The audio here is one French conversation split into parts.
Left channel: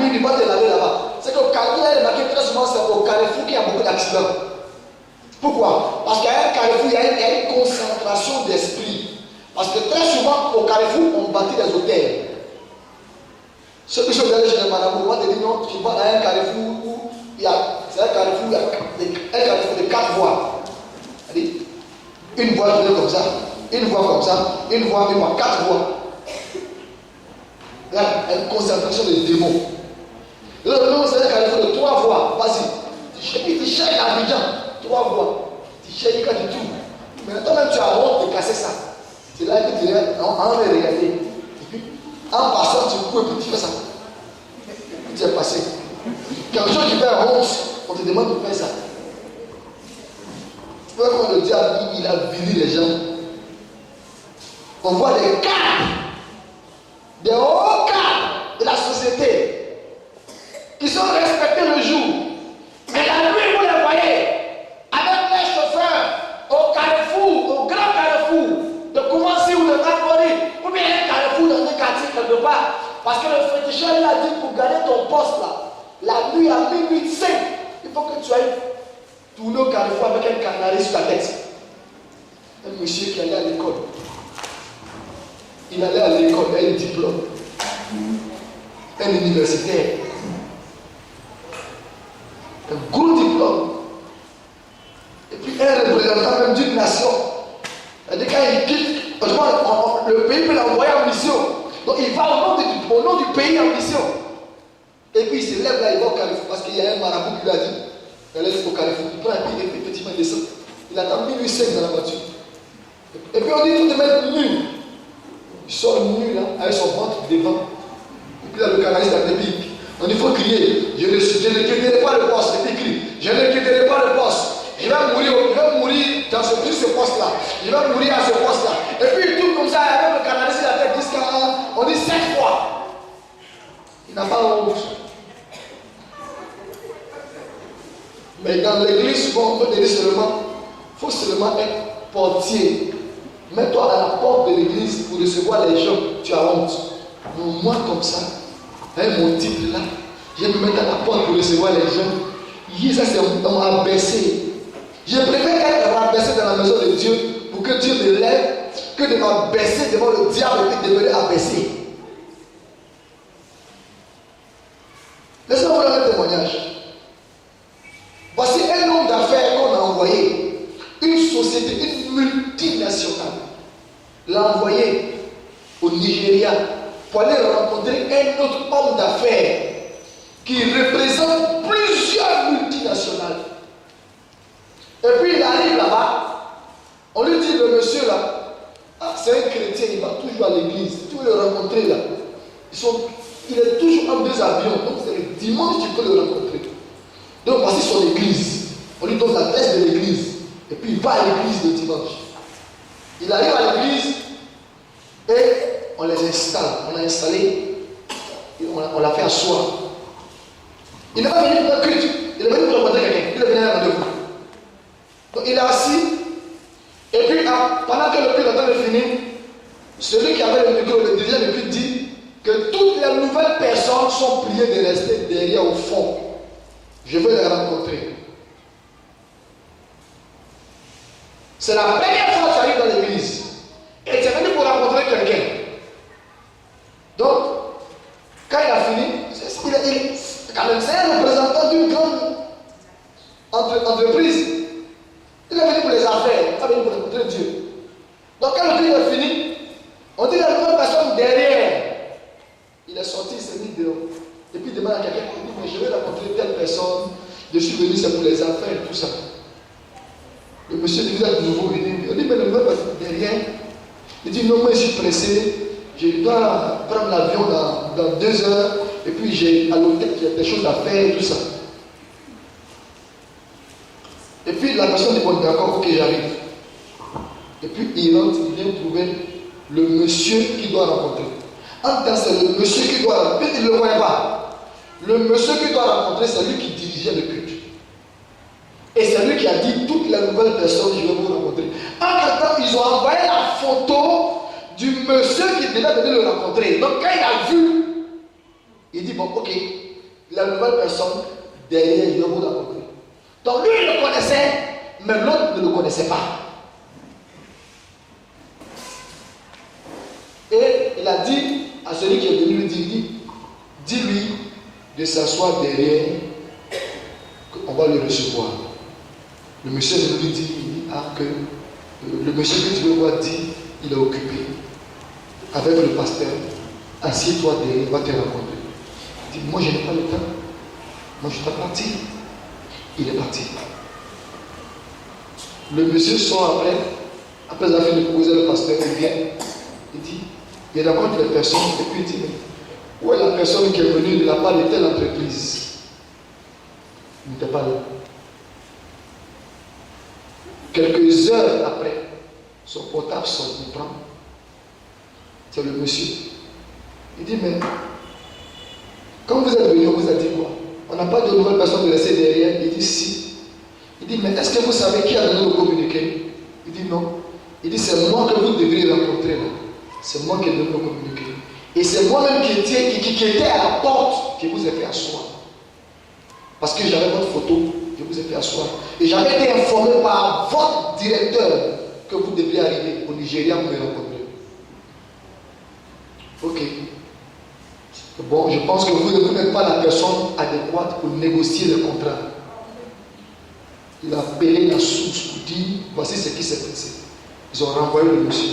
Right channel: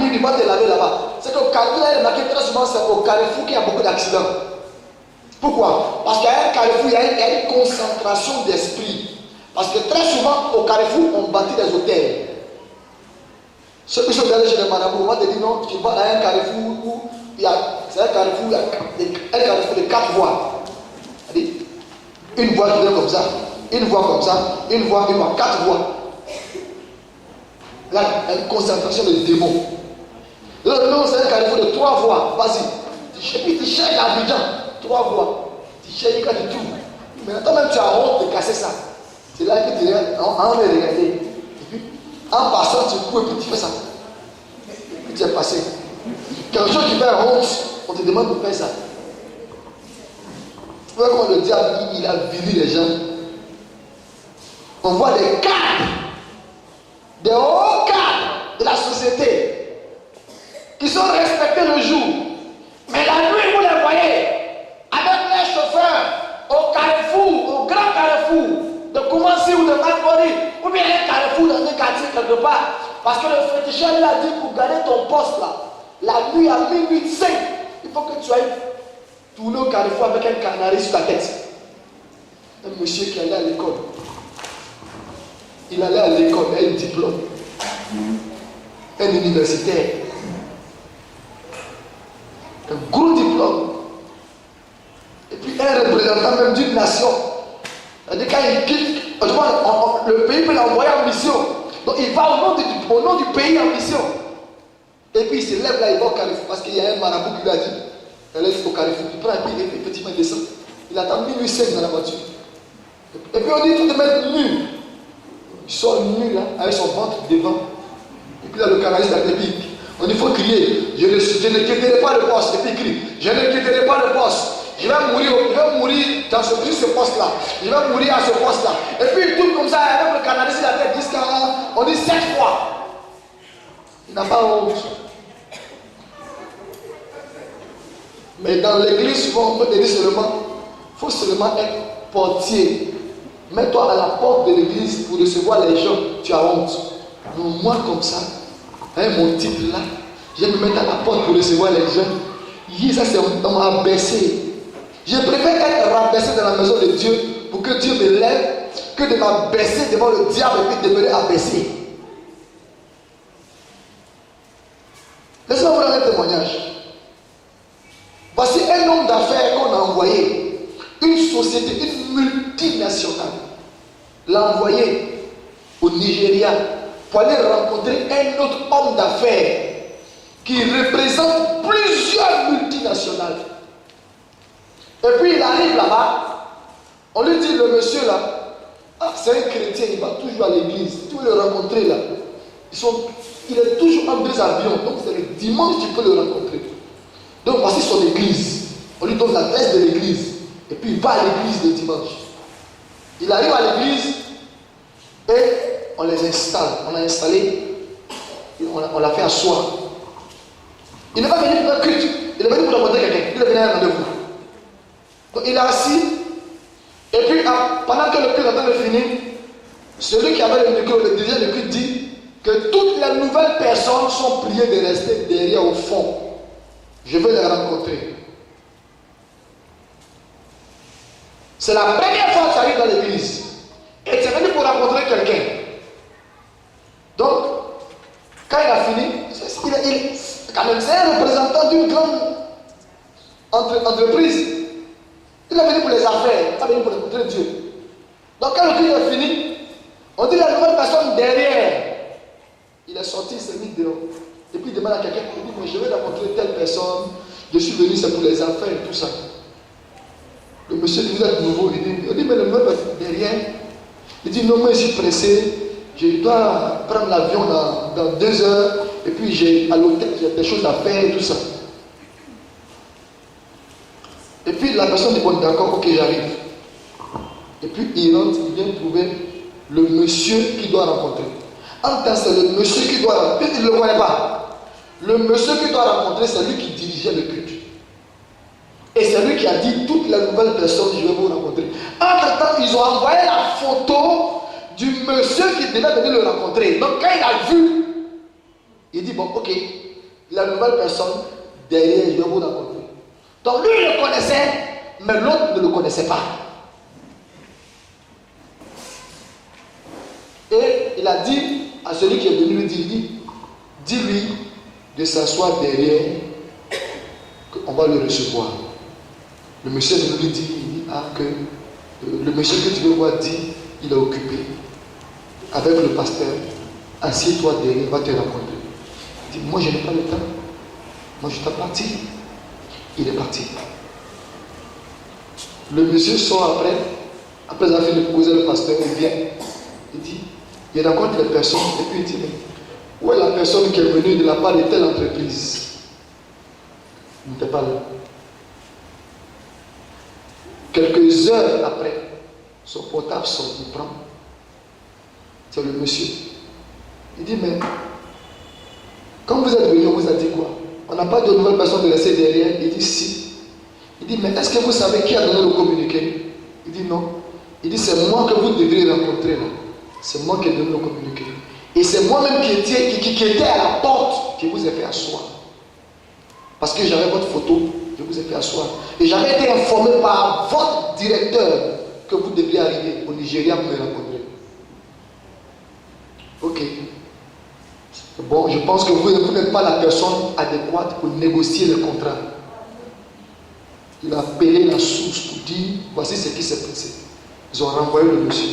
il va te laver là-bas. C'est que quand il est remarqué très souvent, c'est au Carrefour qu'il y a beaucoup d'accidents. Pourquoi? Parce qu'à un Carrefour, il y a une concentration d'esprit. Parce que très souvent, au Carrefour, on bâtit des hôtels. Ce que je vais aller chez les madame, on va te dire non, tu vas dans un Carrefour où il y a, c'est un Carrefour de 4 voies. C'est-à-dire, une voie qui vient comme ça, une voie comme ça, une voie, 4 voies. Là, une concentration de démons. Là, c'est un Carrefour de 3 voies. Vas-y, tu cherches l'Abidjan, 3 voies. Tu cherches quand tu tournes. Mais toi-même, tu as honte de casser ça. C'est là que tu regardes, on va regarder. Et puis, en passant, tu cours et puis tu fais ça. Et tu es passé. Quelque chose qui fait honte, on te demande de faire ça. Tu vois quand le diable, il a vili les gens. On voit des cadres, des hauts cadres de la société, qui sont respectés le jour. Mais la nuit, vous les voyez, avec les chauffeurs, au Carrefour, au grand Carrefour, de Koumassi ou de Makori, ou bien un Carrefour dans un quartier quelque part. Parce que le féticheur il a dit pour garder ton poste là, la nuit à minuit 5, il faut que tu ailles tourner au Carrefour avec un canari sur la tête. Un monsieur qui allait à l'école. Il allait à l'école avec un diplôme. Un universitaire. Un gros diplôme. Et puis un représentant même d'une nation. C'est-à-dire quand il quitte, le pays peut l'envoyer en mission. Donc il va au nom du pays en mission. Et puis il se lève là, il va au Carrefour parce qu'il y a un marabout qui lui a dit, elle est au Carrefour, il prend un billet, effectivement il descend. Il attend minuit 5 dans la voiture. Et puis on dit tout de mettre nu. Il sort nu là, avec son ventre devant. Et puis là le canaliste a dit, on dit il faut crier, je ne quitterai pas le poste. Et puis il crie, je ne quitterai pas le poste. Je vais mourir dans ce poste-là. Je vais mourir à ce poste-là. Et puis il tourne comme ça, avec le canaliste la tête jusqu'à, on dit 7 fois. Il n'a pas honte. Mais dans l'église, on peut dire seulement, il faut seulement être portier. Mets-toi à la porte de l'église pour recevoir les gens. Tu as honte. Moi, comme ça, avec mon titre là, je vais me mettre à la porte pour recevoir les gens. Ça, c'est on m'a abaissé. Je préfère être rabaissé dans la maison de Dieu pour que Dieu me lève que de m'abaisser devant le diable et de demeurer abaissé. Laissez-moi vous donner un témoignage. Voici un homme d'affaires qu'on a envoyé. Une société, une multinationale, l'a envoyé au Nigeria pour aller rencontrer un autre homme d'affaires qui représente plusieurs multinationales. Et puis il arrive là-bas, on lui dit le monsieur là, c'est un chrétien, il va toujours à l'église, tu veux le rencontrer là. Il est toujours en 2 avions, donc c'est le dimanche tu peux le rencontrer. Donc voici son église, on lui donne l'adresse de l'église, et puis il va à l'église le dimanche. Il arrive à l'église et on les installe, on l'a installé, on l'a fait asseoir. Il n'est pas venu pour un culte, il est venu pour rencontrer quelqu'un, il est venu à un rendez-vous. Donc il est assis, et puis pendant que le culte est en train de finir, celui qui avait le micro, le dirigeant du culte dit que toutes les nouvelles personnes sont priées de rester derrière au fond. Je veux les rencontrer. C'est la première fois que tu arrives dans l'église et tu es venu pour rencontrer quelqu'un. Donc, quand il a fini, c'est un représentant d'une grande entreprise. Il est venu pour les affaires, il est pas venu pour rencontrer Dieu. Donc quand le culte est fini, on dit la nouvelle personne derrière. Il est sorti, il s'est mis dehors. Et puis il demande à quelqu'un, il dit, mais je vais rencontrer telle personne, je suis venu, c'est pour les affaires et tout ça. Le monsieur dit, vous êtes nouveau, il dit, mais le nouvelle personne derrière. Il dit, non, moi je suis pressé, je dois prendre l'avion dans 2 heures, et puis à l'hôtel, j'ai des choses à faire et tout ça. Et puis la personne dit, bon d'accord, ok, j'arrive. Et puis il rentre, il vient trouver le monsieur qu'il doit rencontrer. En tant que c'est le monsieur qui doit rencontrer, il ne le voyait pas. Le monsieur qui doit rencontrer, c'est lui qui dirigeait le culte. Et c'est lui qui a dit toutes les nouvelles personnes, je vais vous rencontrer. En temps, ils ont envoyé la photo du monsieur qui devait venir le rencontrer. Donc quand il a vu, il dit, bon ok, la nouvelle personne, derrière, je vais vous raconter. Donc lui, il le connaissait, mais l'autre ne le connaissait pas. Et il a dit à celui qui est venu lui dire, dis-lui de s'asseoir derrière, qu'on va le recevoir. Le monsieur lui dit, que le monsieur que tu veux voir dit, il est occupé avec le pasteur. Assieds-toi derrière, il va te rencontrer. Il dit, moi je n'ai pas le temps. Moi je dois partir. Il est parti. Le monsieur sort après avoir fini de poser le pasteur, il vient. Il dit, il rencontre les personnes et puis il dit, mais où est la personne qui est venue de la part de telle entreprise? Il n'était pas là. Quelques heures après, son portable sort, il prend. C'est le monsieur. Il dit, mais quand vous êtes venu, on vous a dit quoi? On n'a pas de nouvelle personne de rester derrière. Il dit, si. Il dit, mais est-ce que vous savez qui a donné le communiqué? Il dit, non. Il dit, c'est moi que vous devriez rencontrer là. C'est moi qui ai donné le communiqué. Et c'est moi-même qui était à la porte qui vous ai fait asseoir. Parce que j'avais votre photo, je vous ai fait asseoir. Et j'avais été informé par votre directeur que vous deviez arriver au Nigeria pour me rencontrer. Ok. Bon, je pense que vous n'êtes pas la personne adéquate pour négocier le contrat. Il a appelé la source pour dire, voici ce qui s'est passé. Ils ont renvoyé le monsieur.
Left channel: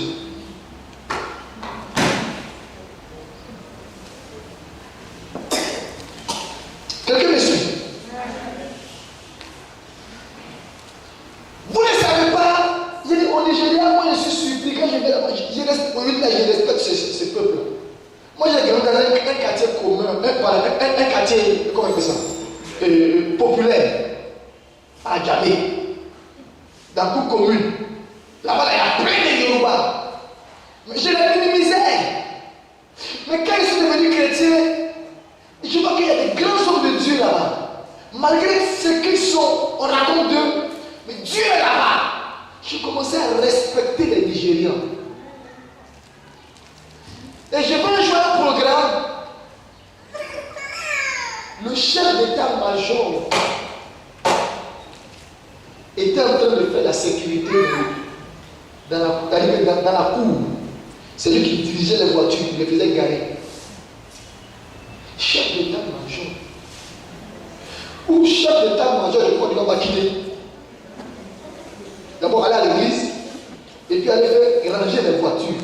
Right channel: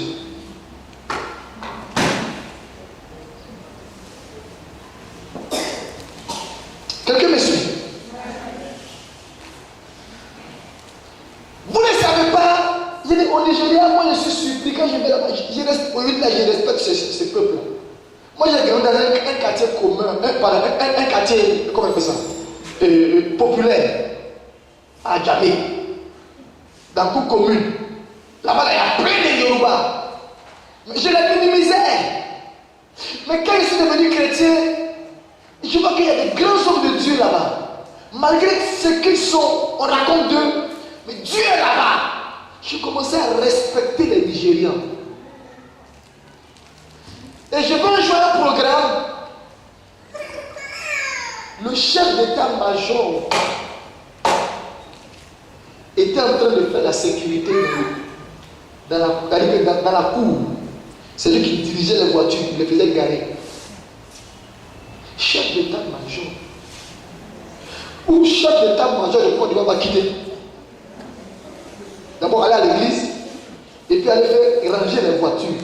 Quelqu'un me suit? Vous ne savez pas, je dis au Nigeria, moi je suis surpris quand je vais là-bas, je respecte ce peuple. Moi j'ai grandi dans un quartier commun, un quartier, comment on appelle ça, populaire, à Djamé, dans toute commune. Là-bas il y a plein de Yoruba. Mais je les minimisais. Mais quand je suis devenu chrétien, je vois qu'il y a des grands hommes de Dieu là-bas. Malgré ce qu'ils sont, on raconte d'eux, mais Dieu est là-bas. J'ai commencé à respecter les Nigérians. Et je vais jouer un programme. Le chef d'état-major était en train de faire la sécurité dans la cour. C'est lui qui dirigeait les voitures, il les faisait garer. Chef d'état-major. Ou chef d'état-major de Côte d'Ivoire va quitter. D'abord aller à l'église et puis aller faire ranger les voitures.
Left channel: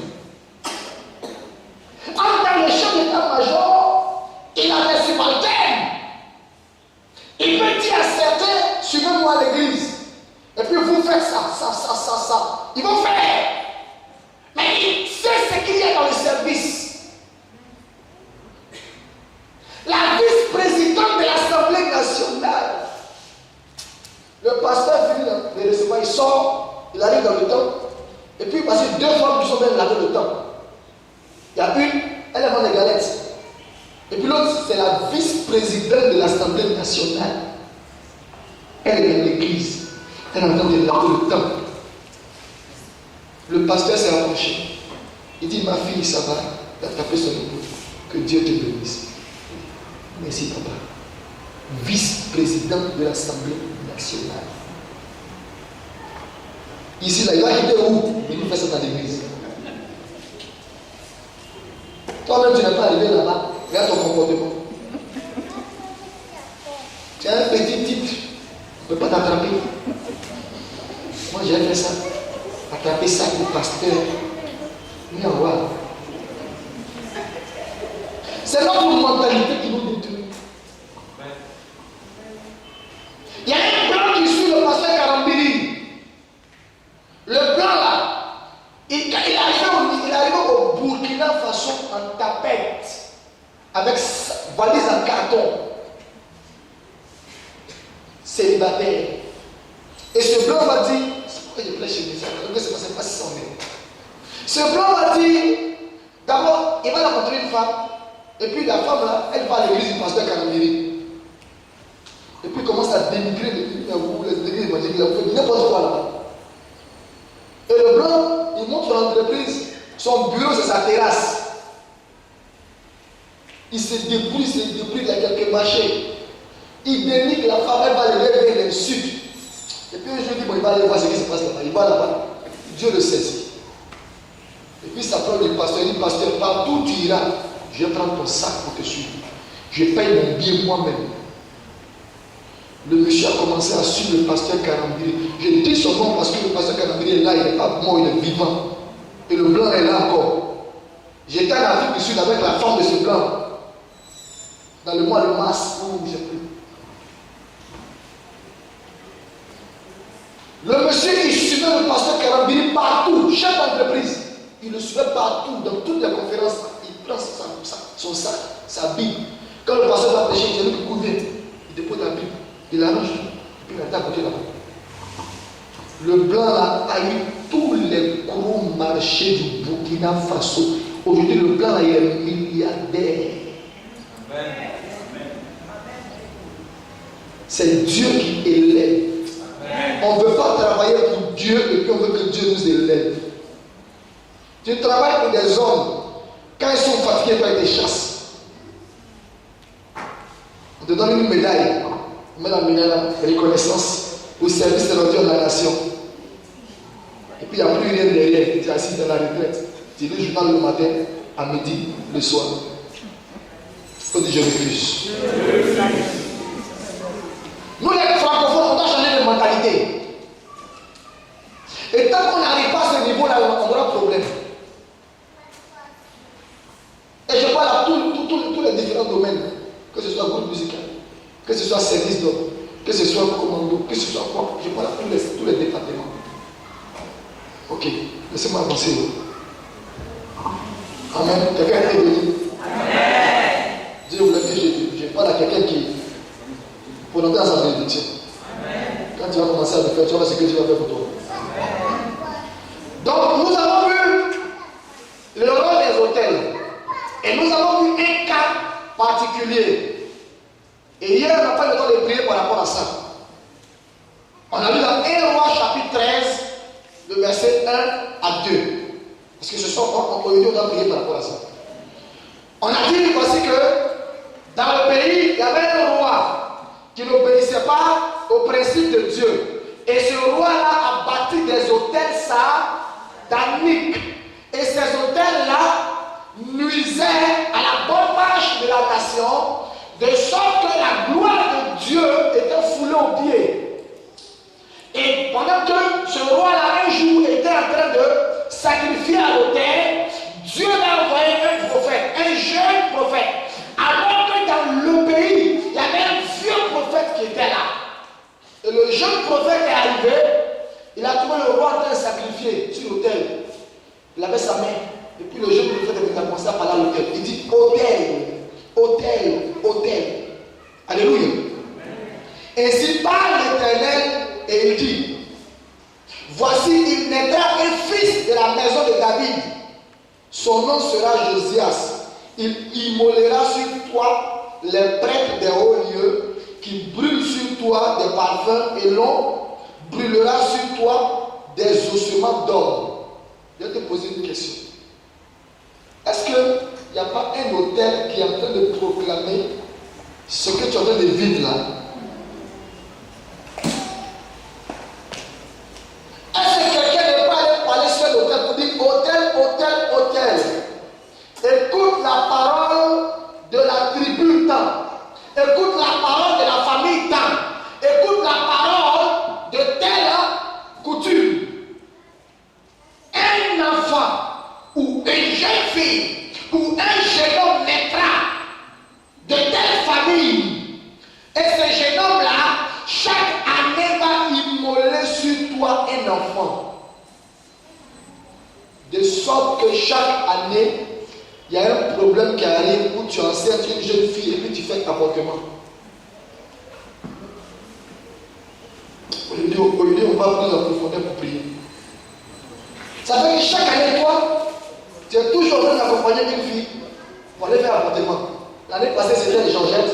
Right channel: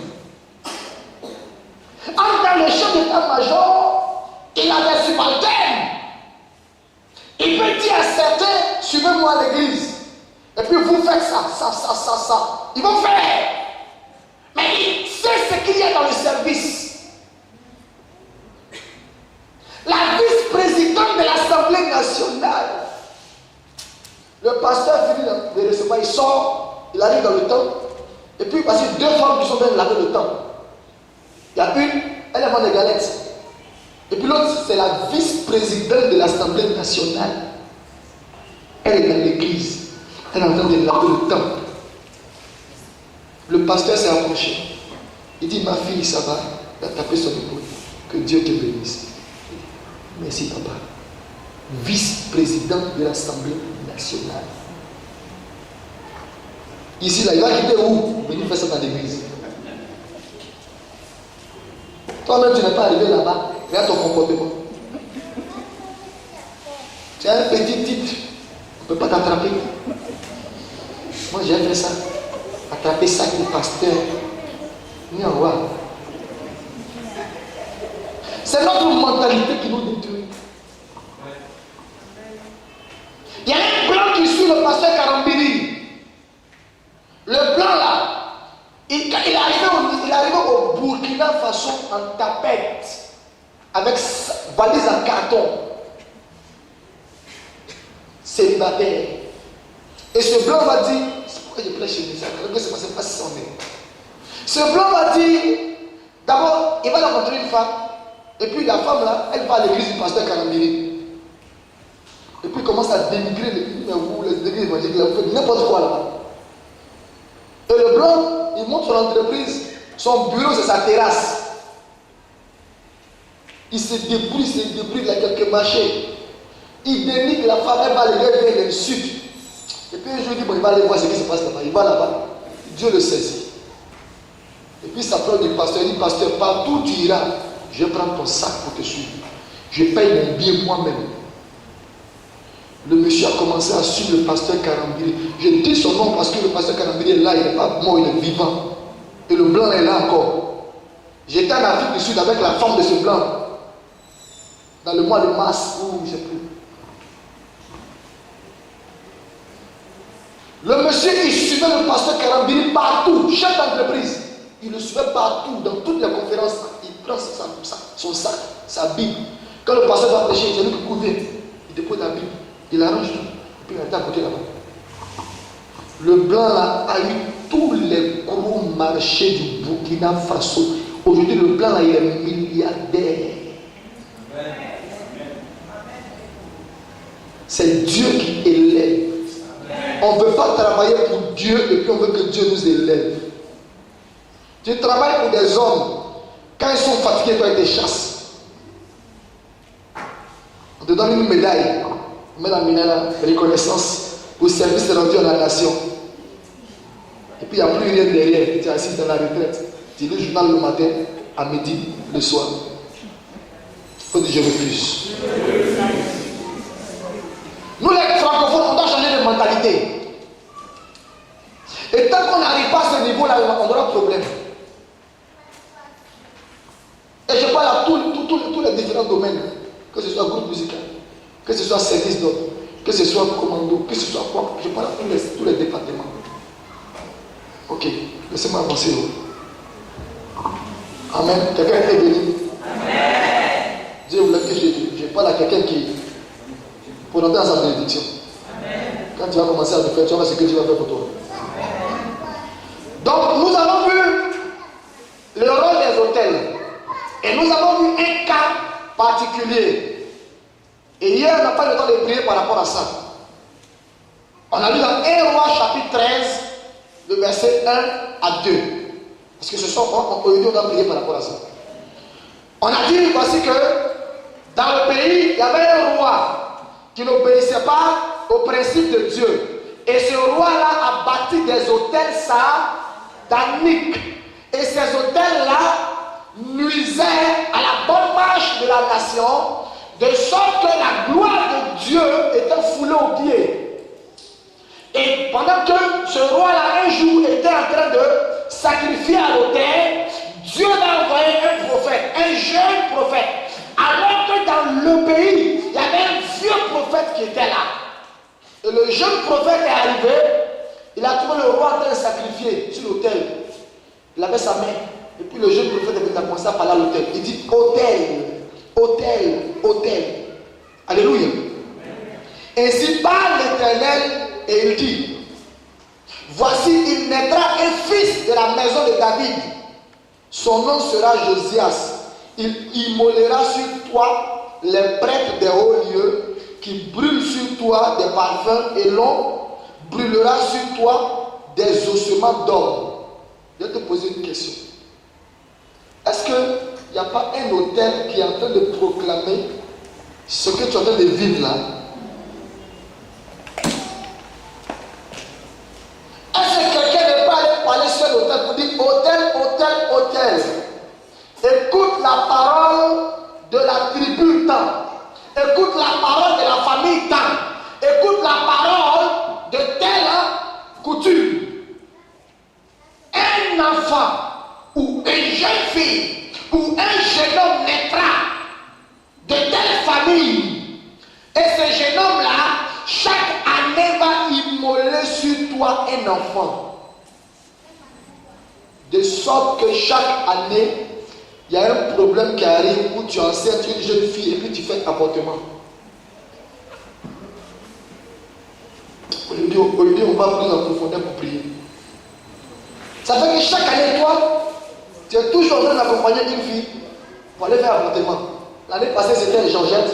En tant que chef d'état-major, il a des subalternes. Il peut dire à certains, suivez-moi à l'église. Et puis vous faites ça. Ils vont faire. Mais il sait ce qu'il y a dans le service. La vice-présidente de l'Assemblée nationale, le pasteur finit de recevoir, il sort, il arrive dans le temple. Et puis parce que deux femmes qui sont même laver le temple. Il y a une, elle est des galettes. Et puis l'autre, c'est la vice-présidente de l'Assemblée nationale. Elle est dans l'église. Elle est en train de laver le temple. Le pasteur s'est approché. Il dit, ma fille, ça va. Il a tapé son épaule. Que Dieu te bénisse. Merci, papa. Vice-présidente de l'Assemblée nationale. Ici, là, il va quitter où? Il fait ça dans l'église. Toi-même, tu n'es pas arrivé là-bas. Regarde ton comportement. Tu as un petit titre. On ne peut pas t'attraper. Moi, j'ai fait ça. Attraper ça pour pasteur. Ni en voir. C'est notre mentalité qui nous détruit. Il y a un plan qui suit le pasteur Karambili. Le plan là, il arrive au Burkina Faso en tapette, avec valise en carton, célibataire. Et ce blanc va dire, c'est pourquoi je plais chez les gens, c'est pas si ce blanc va dire, d'abord, il va rencontrer une femme, et puis la femme là, elle va à l'église du pasteur Karambili. Et puis il commence à dénigrer l'église évangélique, n'importe quoi là. Et le blanc, il monte son entreprise, son bureau, c'est sa terrasse. Il se débrouille, il y a quelques marchés. Il dénigre la femme, elle va lever vers l'insulte. Et puis un jour, il dit, bon, il va aller voir ce qui se passe là-bas. Il va là-bas. Dieu le saisit. Et puis ça prend le pasteur. Il dit, pasteur, partout tu iras, je vais prendre ton sac pour te suivre. Je paye mon billet moi-même. Le monsieur a commencé à suivre le pasteur Karambiri. Je dis son nom parce que le pasteur Karambiri est là, il n'est pas mort, il est vivant. Et le blanc est là encore. J'étais en Afrique du Sud avec la femme de ce blanc. Dans le mois de mars, où j'ai pris. Le monsieur, il suivait le pasteur Karambiri partout, chef d'entreprise. Il le suivait partout, dans toutes les conférences. Il prend son sac, sa Bible. Quand le pasteur va prêcher, il dit qu'il couvre, il dépose la Bible, il arrange, et puis il est à côté là-bas. Le blanc là, a eu tous les gros marchés du Burkina Faso. Aujourd'hui, le blanc là, il est milliardaire. C'est Dieu qui élève. On ne veut pas travailler pour Dieu et puis on veut que Dieu nous élève. Tu travailles pour des hommes. Quand ils sont fatigués, toi, ils te chassent. On te donne une médaille. On met la médaille de reconnaissance au service rendu à la nation. Et puis il n'y a plus rien derrière. Tu es assis dans la retraite. Tu lis le journal le matin, à midi, le soir. Il faut dire je refuse. Nous les francophones, on doit changer de mentalité. Et tant qu'on n'arrive pas à ce niveau-là, on aura problème. Et je parle à tous les différents domaines. Que ce soit groupe musical, que ce soit service d'ordre, que ce soit commando, que ce soit quoi. Je parle à tous les départements. Ok, laissez-moi avancer. Amen. Quelqu'un est béni. Amen. Dieu vous l'a dit, je parle à quelqu'un qui, pour entrer dans sa bénédiction. Quand tu vas commencer à le faire, tu vas voir ce que Dieu va faire pour toi. Donc, nous avons vu le rôle des hôtels. Et nous avons vu un cas particulier. Et hier, on n'a pas eu le temps de prier par rapport à ça. On a lu dans 1 Roi chapitre 13, le verset 1 à 2. Parce que ce soir, aujourd'hui, on va prier par rapport à ça. On a dit voici que dans le pays, il y avait un roi qui n'obéissait pas au principe de Dieu. Et ce roi-là a bâti des hôtels sataniques. Et ces hôtels-là nuisaient à la bonne marche de la nation, de sorte que la gloire de Dieu était foulée aux pieds. Et pendant que ce roi-là, un jour, était en train de sacrifier à l'autel, Dieu l'a envoyé un prophète, un jeune prophète. Alors que dans le pays, il y avait un vieux prophète qui était là. Et le jeune prophète est arrivé, il a trouvé le roi en train de sacrifier sur l'autel. Il avait sa main. Et puis le jeune prophète a commencé à parler à l'autel. Il dit autel, autel, autel. Alléluia. Ainsi parle l'Éternel et il dit, voici il naîtra un fils de la maison de David. Son nom sera Josias. Il immolera sur toi les prêtres des hauts lieux qui brûlent sur toi des parfums et l'on brûlera sur toi des ossements d'or. Je vais te poser une question. Est-ce qu'il n'y a pas un autel qui est en train de proclamer ce que tu es en train de vivre là? Est-ce que quelqu'un n'est pas allé parler sur l'autel pour dire autel, autel, autel? Écoute la parole de la tribu tant. Écoute la parole de la famille tant. Écoute la parole de telle coutume. Un enfant ou une jeune fille ou un jeune homme naîtra de telle famille. Et ce jeune homme-là, chaque année va immoler sur toi un enfant. De sorte que chaque année, il y a un problème qui arrive où tu enseignes une jeune fille et puis tu fais avortement. Aujourd'hui, on va plus en profondeur pour prier. Ça fait que chaque année, toi, tu es toujours en train d'accompagner une fille pour aller faire avortement. L'année passée, c'était Georgette.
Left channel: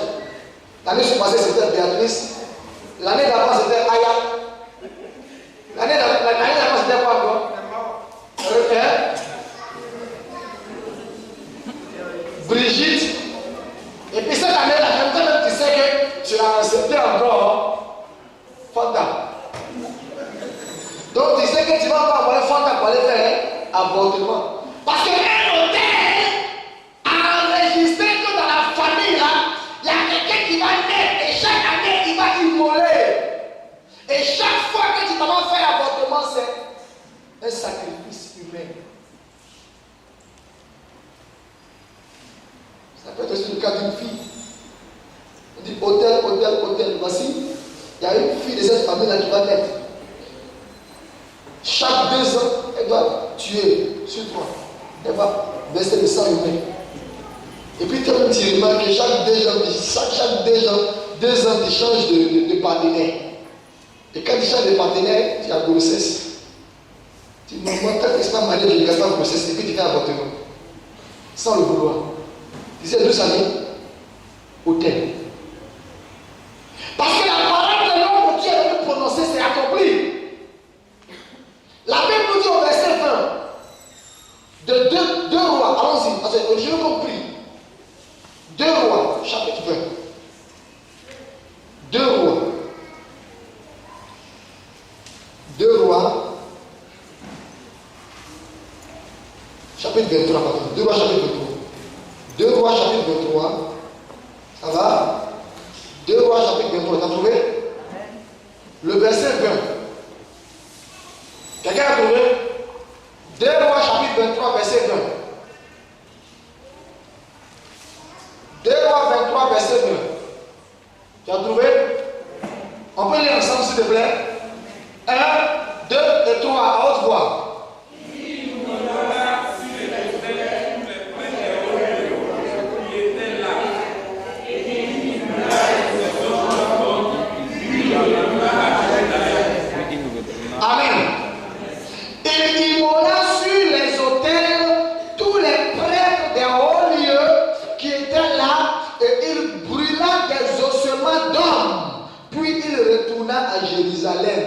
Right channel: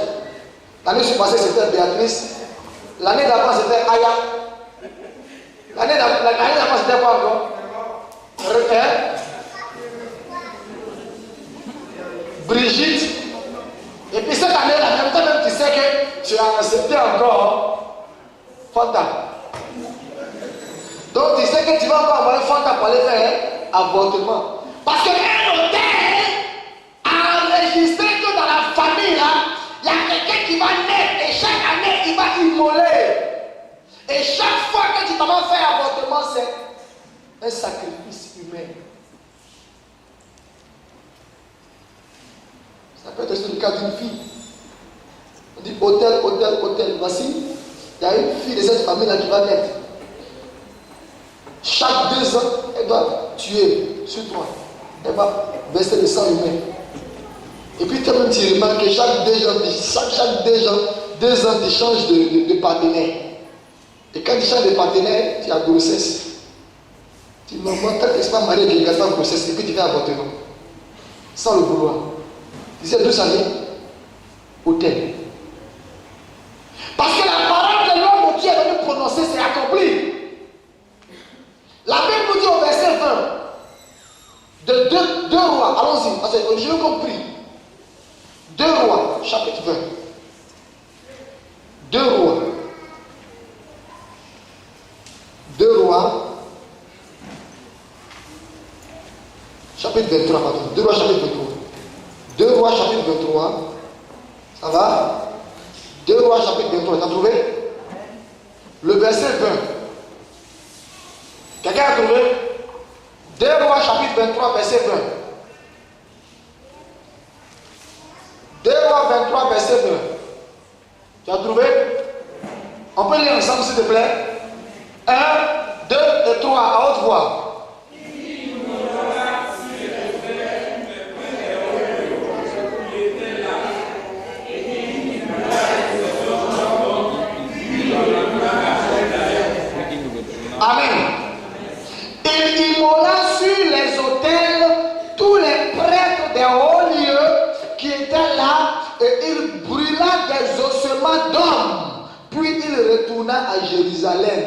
L'année passée, c'était Béatrice. L'année d'avant, c'était Aya. L'année d'avant, c'était quoi encore? Brigitte. Et puis cette année-là, même tu sais que tu as accepté encore Fanta. Donc tu sais que tu vas pas avoir un Fanta pour aller faire avortement. Parce qu'un hôtel a enregistré que dans la famille, là, il y a quelqu'un qui va naître et chaque année, il va immoler. Et chaque fois que tu vas faire avortement, c'est un sacrifice humain. Ça peut être aussi le cas d'une fille. On dit hôtel. Voici, il y a une fille de cette famille-là qui va naître. Chaque 2 ans, elle doit tuer sur toi. Elle va verser le sang humain. Et puis tu remarques que chaque 2 ans, tu changes de partenaire. Et quand tu changes de partenaire, tu as grossesse. Tu me montres que tu n'es pas marié, tu n'es pas grossesse, et puis tu fais avortement. Sans le vouloir. Tu sais d'où ça vient? Hôtel. Parce que la parole de l'homme que Dieu est venu prononcer, c'est accompli. La Bible nous dit au verset 20 de 2 rois, allons-y, parce que j'ai compris. 2 rois, chapitre 20. 2 rois. 2 rois, chapitre 23, pardon. 2 rois, chapitre 23. 2 rois, chapitre 23. Ça va? 2 rois, chapitre 23. T'as trouvé? Le verset 20. Quelqu'un a trouvé? 2 rois, chapitre 23, verset 20. 2 rois 23, verset 20. Tu as trouvé? On peut lire ensemble, s'il te plaît? 1, 2 et 3, à haute voix. Amen. Il immola sur les autels tous les prêtres des hauts lieux qui étaient là et il brûla des ossements d'hommes. Puis il retourna à Jérusalem.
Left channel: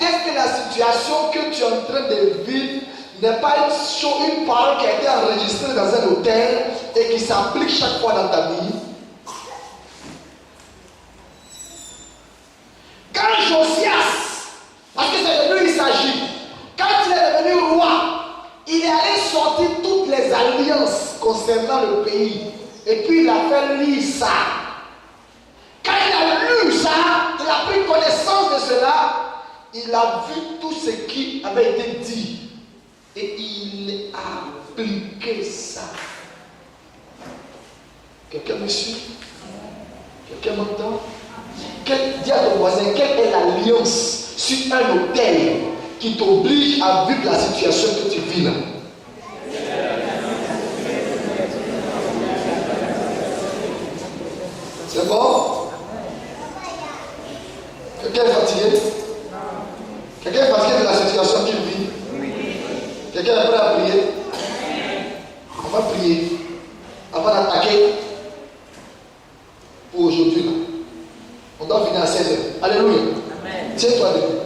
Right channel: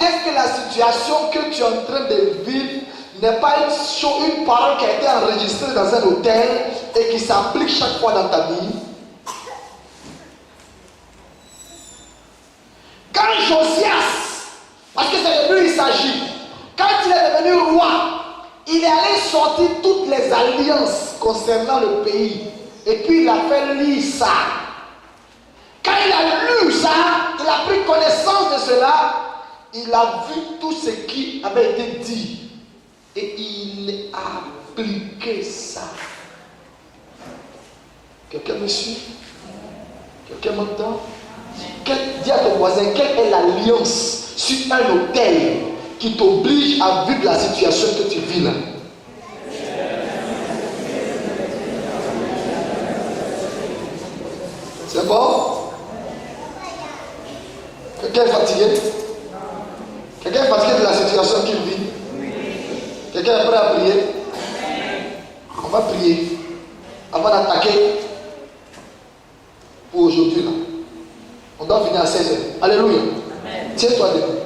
Est-ce que la situation que tu es en train de vivre n'est pas une parole qui a été enregistrée dans un hôtel et qui s'applique chaque fois dans ta vie? Quand Josias, parce que c'est de lui il s'agit, quand il est devenu roi, il est allé sortir toutes les alliances concernant le pays. Et puis il a fait lire ça. Quand il a lu ça, il a pris connaissance de cela, il a vu tout ce qui avait été dit. Et il a appliqué ça. Quelqu'un me suit? Quelqu'un m'entend? Dis à ton voisin, quelle est l'alliance sur un hôtel qui t'oblige à vivre la situation que tu vis là? C'est bon? Quelqu'un est fatigué? Quelqu'un est fatigué de la situation qu'il vit? Quelqu'un est prêt à prier? On va prier avant d'attaquer pour aujourd'hui là. On doit finir à 16h. Alléluia. Tiens-toi debout.